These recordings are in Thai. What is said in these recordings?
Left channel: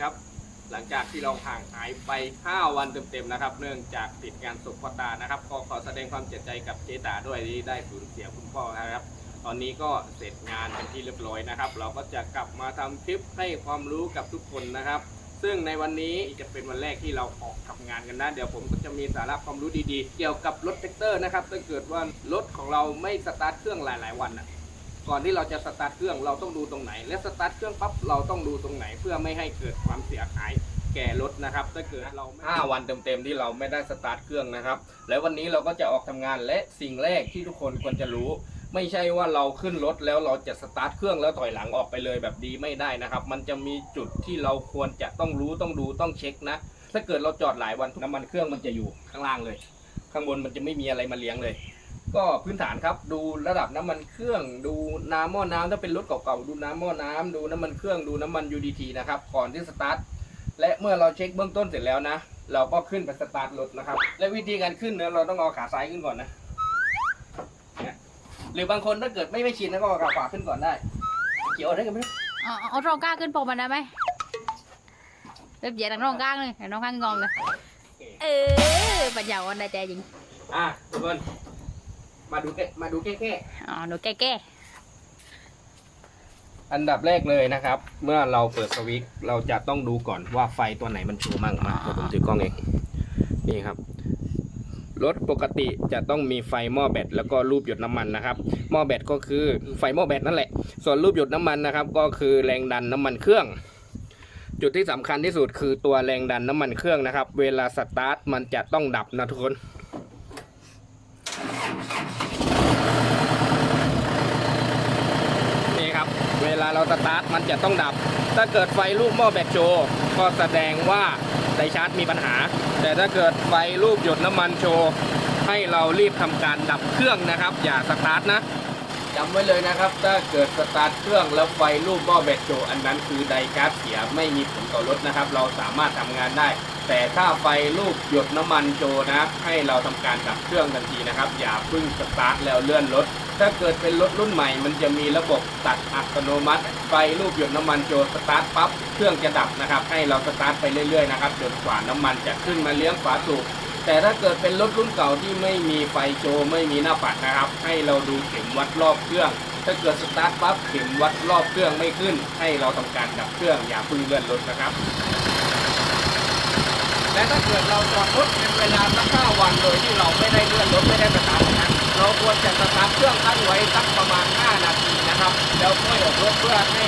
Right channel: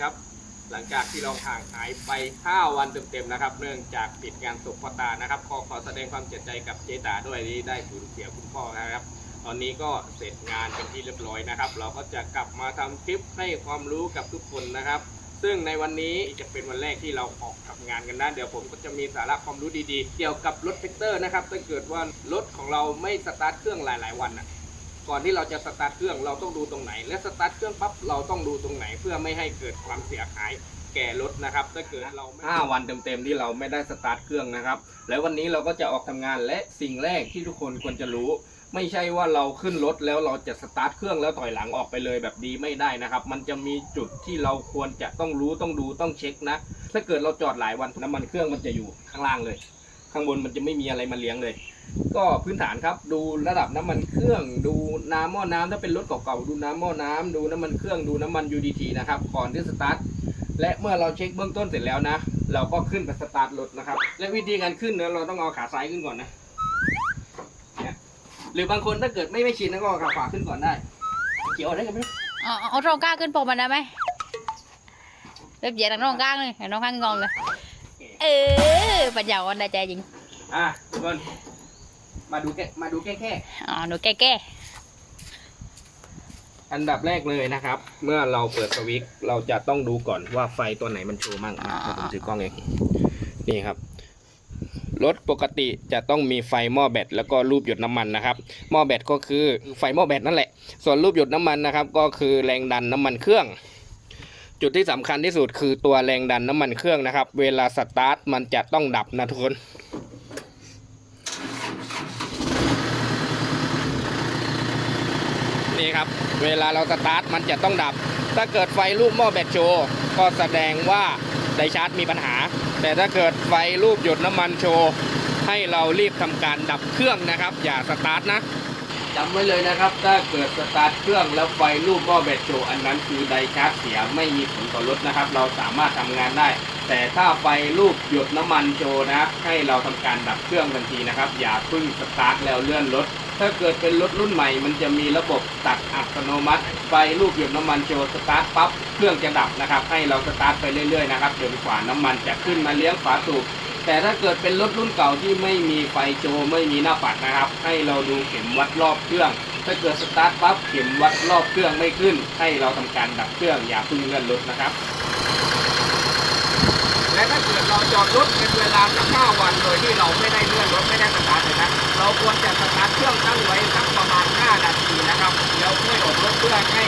ครับ หลังจากที่เราห่างหายไป 5 วันเต็มๆนะครับ เนื่องจากติดงานศพพ่อตานะครับขอขอแสดงความเสียใจกับเจตาด้วยที่ได้สูญเสียคุณพ่อนะครับ ตอนนี้ก็เสร็จงานเป็นที่เรียบร้อยนะครับ เราก็จะกลับมาทำคลิปให้ความรู้กับทุกคนนะครับซึ่งในวันนี้จะเป็นวันแรกที่เราออกทำงานกันนะ เดี๋ยวผมก็จะมีสาระความรู้ดีๆ เกี่ยวกับรถแท็กเตอร์นะครับถ้าเกิดว่ารถของเราไม่สตาร์ทเครื่องหลาย ๆ วันอะ ก่อนที่เราจะสตาร์ทเครื่องเราต้องดูตรงไหน และสตาร์ทเครื่องปั๊บเราต้องดูตรงไหนเพื่อไม่ให้เกิดความเสียหายแก่รถนะครับถ้าเกิดเราห้าวันเต็มๆที่เราไม่ได้สตาร์ทเครื่องนะครับ แล้ววันนี้เราก็จะออกทำงานและสิ่งแรกที่ทุกคนควรจะรู้ ไม่ใช่ว่าเราขึ้นรถแล้วเราจะสตาร์ทเครื่องแล้วถอยหลังออกไปเลยแบบดีไม่ได้นะครับ มันจะมีจุดที่เราควรจะต้องรู้ต้องดูต้องเช็คนะ ถ้าเกิดเราจอดหลายวันน้ำมันเครื่องมันจะอยู่ข้างล่างเลย ข้างบนมันจะไม่มีอะไรมาเลี้ยงเลย ก็พื้นฐานครับดูระดับน้ำมันเครื่อง ดูน้ำหม้อน้ำถ้าเป็นรถเก่าๆดูน้ำหม้อน้ำดูน้ำมันเครื่องดูน้ำมัน UDT นะครับก่อนที่สตาร์ทและเมื่อเราเช็คเบื้องต้นเสร็จแล้วนะ เราก็ขึ้นไปสตาร์ทรถนะครับ และวิธีการขึ้นเนี่ยเราต้องเอาขาซ้ายขึ้นก่อนนะเนี่ยหรือบางคนถ้าเกิดไม่ไม่ชินก็เอาขาขวาขึ้นก่อนได้ เกี่ยวอะไรกันไหมเอาเอาเอาตรงกลางขึ้นปกมันได้ไหมเรียบเหยียดทางตรงกลางเลยเห็นน้องข้างงอนเลย เออปัญญาอ่อนได้ใจจริง อะทุกคน มาดูแค่มาดูแค่แค่อ๋อหนูแก้แก้อันดับแรกเลยนะครับ เมื่อเราเปิดสวิตช์เราจะต้องดูก่อนว่าไฟตัวไหนมันโชว์มั่งมาเดี๋ยวผมถือกล้องเองนี่ครับ รถปกติจะต้องมีไฟหม้อแบตแล้วก็รูปหยดน้ำมันนะครับ หม้อแบตก็คือไฟหม้อแบตนั่นแหละ ส่วนรูปหยดน้ำมันนะครับ ก็คือแรงดันน้ำมันเครื่อง จุดที่สำคัญที่สุดคือตัวแรงดันน้ำมันเครื่องนะครับ เวลาสตาร์ทมันจะต้องดับนะทุกคน ครับ เวลาเราสตาร์ทมันจะต้องดับ ถ้าเกิดไฟรูปหม้อแบตโชว์ก็แสดงว่าไดชาร์จมีปัญหา แต่ถ้าเกิดไฟรูปหยดน้ำมันโชว์ให้เรารีบทำการดับเครื่องนะครับ อย่าสตาร์ทนะ จำไว้เลยนะครับ ถ้าเกิดสตาร์ทเครื่องแล้วไฟรูปหม้อแบตโชอันนั้นคือไดชาร์จเสียไม่มีผลต่อรถนะครับ เราสามารถทำงานได้ แต่ถ้าไฟรูปหยดน้ำมันโชนะ ให้เราทำการดับเครื่องทันทีนะครับ อย่าพึ่งสตาร์ทแล้วเลื่อนรถ ถ้าเกิดเป็นรถรุ่นใหม่ มันจะมีระบบตัดอัตโนมัติ ไฟลูกหยดน้ำมันโจสตาร์ทปั๊บเครื่องจะดับนะครับ ให้เราสตาร์ทไปเรื่อยๆนะครับจนกว่าน้ำมันจะขึ้นมาเลี้ยงฝาสูบ แต่ถ้าเกิดเป็นรถรุ่นเก่าที่ไม่มีไฟโชว์ไม่มีหน้าปัดนะครับ ให้เราดูเข็มวัดรอบเครื่อง ถ้าเกิดสตาร์ทปั๊บเข็มวัดรอบเครื่องไม่ขึ้น ให้เราทำการดับเครื่องอย่าพึ่งเลื่อนรถนะครับ และถ้าเกิดเราจอดรถเป็นเวลาสักห้าวันโดยที่เราไม่ได้เลื่อนรถไม่ได้สตาร์ทเลยนะเราควรจะสตาร์ทเครื่องตั้งไว้สักประมาณ 5 นาทีนะครับ แล้วค่อยออกรถเพื่อให้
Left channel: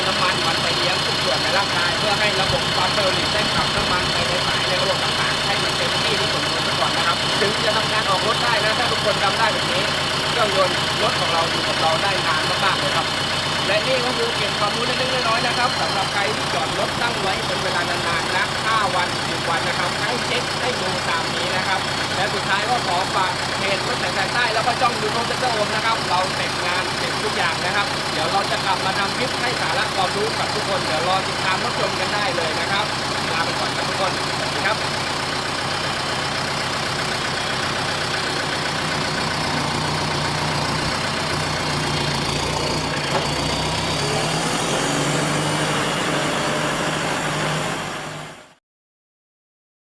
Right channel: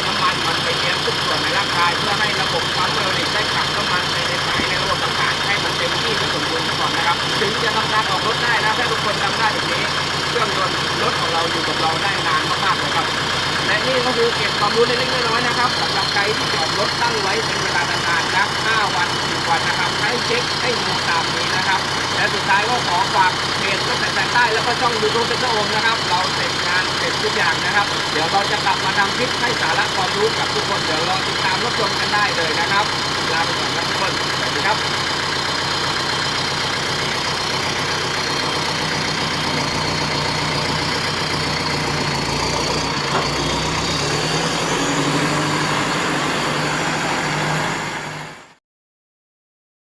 ถึงจะทำการออกรถได้นะถ้าทุกคนทำได้แบบนี้ เครื่องยนต์รถของเราอยู่กับเราได้นานมากๆเลยครับ และนี่ก็คือเก็บความรู้เล็กๆน้อยๆนะครับสำหรับใครที่จอดรถตั้งไว้เป็นเวลานานๆนะ5วัน10วันนะครับให้เช็คให้ดูตามนี้นะครับ และสุดท้ายก็ขอฝากเพจตั้งแต่สายใต้แล้วก็ช่องยูทูบเป็นเจ้าโอมนะครับ เราเสร็จงานเสร็จทุกอย่างนะครับ เดี๋ยวเราจะกลับมาทำคลิปให้สาระความรู้กับทุกคนเดี๋ยวรอติดตามรับชมกันได้เลยนะครับครับ